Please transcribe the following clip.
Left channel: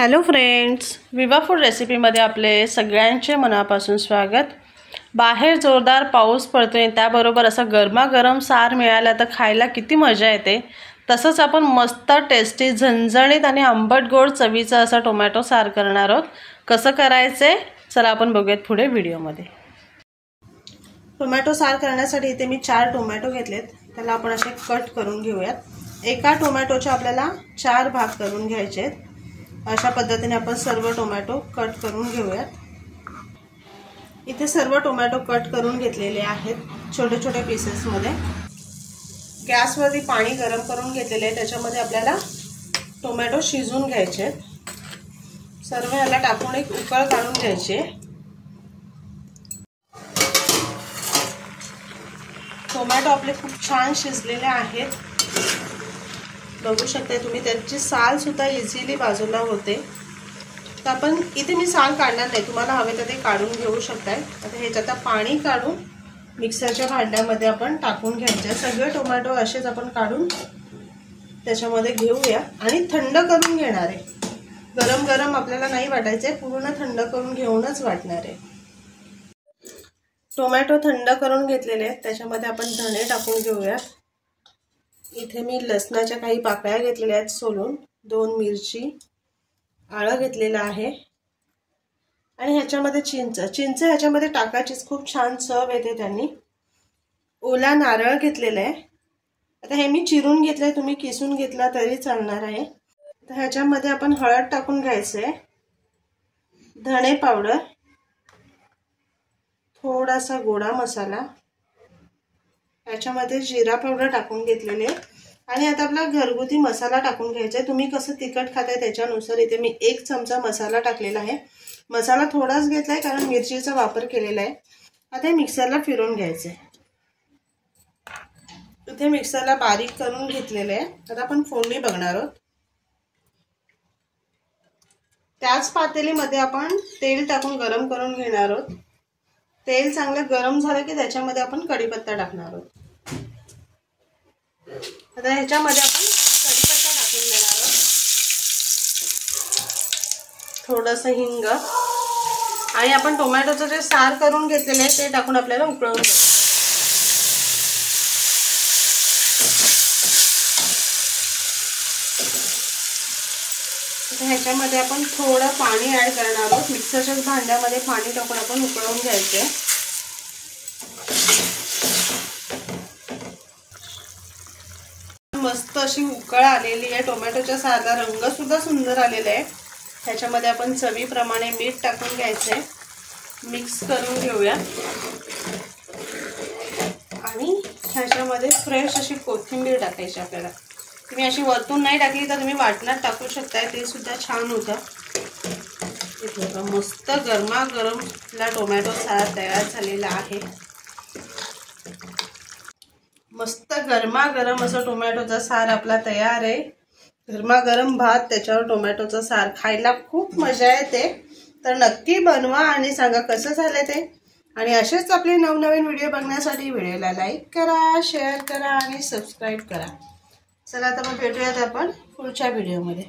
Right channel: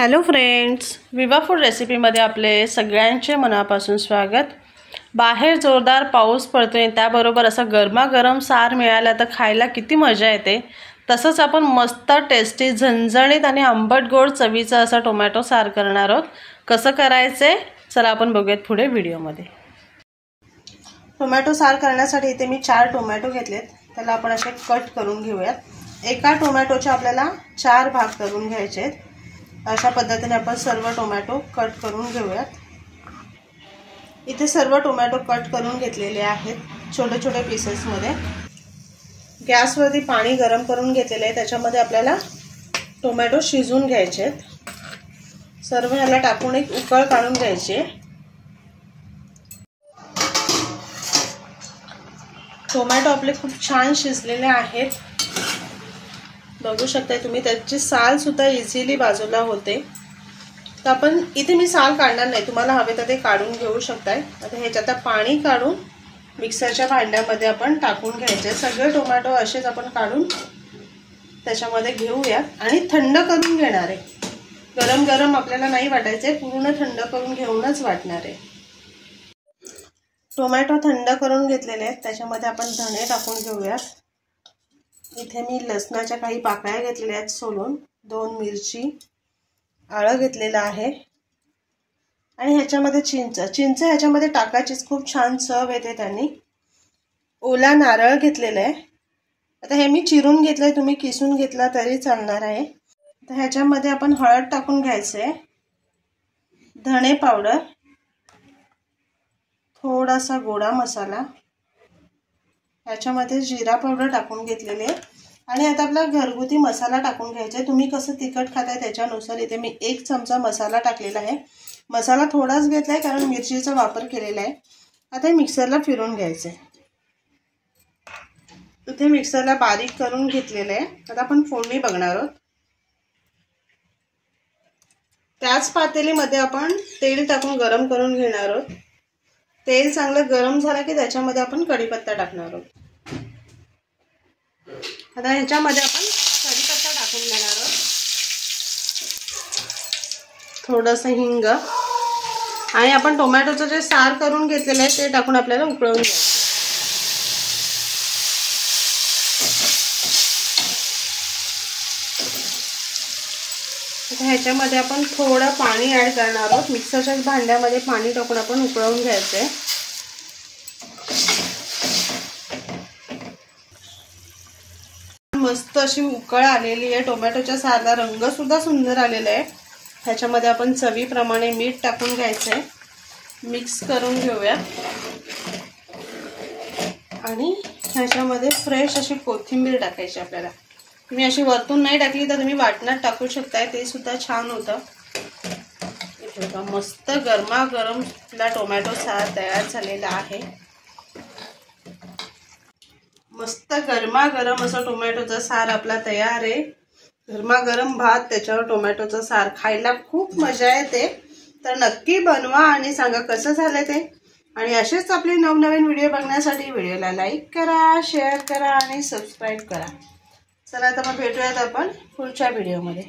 Hello friends, विवा food रेसिपीमध्ये आपले सगळ्यांचे मनापासून स्वागत। बाहेर जोरदार पाऊस पडतोय, त्याबरोबर असा गरमागरम सार मिळाला तर खायला किती मजा येते। तसंच आपण मस्त टेस्टी झणझणीत आणि आंबट गोड चवीचा असा टोमॅटो सार करणार आहोत। कसं करायचे चला आपण बघूयात पुढे व्हिडिओमध्ये। टोमॅटो सार करण्यासाठी इथे मी 4 टोमॅटो घेतलेत, त्याला आपण असे कट करून घेऊयात। एका टोमॅटोचे आपल्याला 4 भाग करून घ्यायचे आहेत। अशा पद्धतीने आपण सर्व टोमॅटो कट करून घेऊयात। इथे सर्व टोमॅटो कट करून घेतलेले आहेत छोटे छोटे पीसेस मध्ये। गॅसवरती पाणी गरम करून घेतलेले आहे, त्याच्यामध्ये आपल्याला टोमॅटो शिजवून घ्यायचे आहेत। सर्व याला टाकून एक उकळ काढून घ्यायची। टोमॅटो आपले खूप छान शिजलेले आहेत, बघू शकता तुम्ही। त्याची साल सुद्धा इझिली बाजूला होते। तर आपण इथे मी साल काढणार नाही, तुम्हाला हवे तर ते काढून घेऊ शकताय। आता ह्याच्यात पाणी काढून मिक्सरच्या भांड्यामध्ये आपण टाकून घ्यायचे। सगळे टोमॅटो असेच आपण काढून त्याच्यामध्ये घेऊया आणि थंड करून घेणार आहे। गरम गरम आपल्याला नाही वाटायचे, पूर्ण थंड करून घेऊनच वाटणार आहे। टोमॅटो थंड करून घेतलेले आहेत, त्याच्यामध्ये आपण धणे टाकून घेऊया। इथे मी लसणाच्या काही पाकळ्या घेतलेल्या आहेत सोलून, 2 मिरची, आलं घेतलेलं आहे आणि ह्याच्यामध्ये चिंच ह्याच्यामध्ये टाकायचीच, खूप छान चव येते त्यांनी। ओला नारळ घेतलेला आहे, आता हे मी चिरून घेतलंय, तुम्ही किसून घेतला तरी चालणार आहे। तर ह्याच्यामध्ये आपण हळद टाकून घ्यायचे, धणे पावडर, थोडासा गोडा मसाला, ह्याच्यामध्ये जिरा पावडर टाकून घेतलेले आहे आणि आता आपला घरगुती मसाला टाकून घ्यायचा आहे। तुम्ही कसं तिखट खाताय त्याच्यानुसार। इथे मी 1 चमचा मसाला टाकलेला आहे। मसाला थोडाच घेतलाय कारण मिरचीचा वापर केलेला आहे। आता हे मिक्सरला फिरवून घ्यायचं आहे। इथे मिक्सरला बारीक करून घेतलेलं आहे। आता आपण फोडणी बघणार आहोत। त्याच पातेलीमध्ये आपण तेल टाकून गरम करून घेणार आहोत। तेल चांगलं गरम झालं की त्याच्यामध्ये आपण कढीपत्ता टाकणार आहोत। आता ह्याच्यामध्ये आपण कढीपत्ता टाकून देणार आहोत, थोडंसं हिंग आणि आपण टोमॅटोचं जे सार करून घेतलेले आहे ते टाकून आपल्याला उकळवून घ्यायचं। ह्याच्यामध्ये आपण थोडं पाणी ऍड करणार आहोत। मिक्सरच्या भांड्यामध्ये पाणी टाकून आपण उकळवून घ्यायचे। मस्त अशी उकळ आलेली आहे, टोमॅटोच्या सारला रंग सुद्धा सुंदर आलेला आहे। ह्याच्यामध्ये आपण चवीप्रमाणे मीठ टाकून घ्यायचे, मिक्स करून घेऊया आणि ह्याच्यामध्ये फ्रेश अशी कोथिंबीर टाकायची आपल्याला। तुम्ही अशी वरतून नाही टाकली तर तुम्ही वाटणात टाकू शकताय, ते सुद्धा छान होतं। इथे मस्त गरमागरम टोमॅटो सार तयार झालेला आहे। मस्त गरमागरम असा टोमॅटोचा सार आपला तयार आहे। गरमागरम भात, त्याच्यावर टोमॅटोचा सार, खायला खूप मजा येते। तर नक्की बनवा आणि सांगा कसं झालं ते। आणि असेच आपले नवनवीन व्हिडिओ बघण्यासाठी व्हिडिओला लाईक करा, शेअर करा आणि सबस्क्राईब करा। चला आता मग भेटूयात आपण पुढच्या व्हिडिओमध्ये।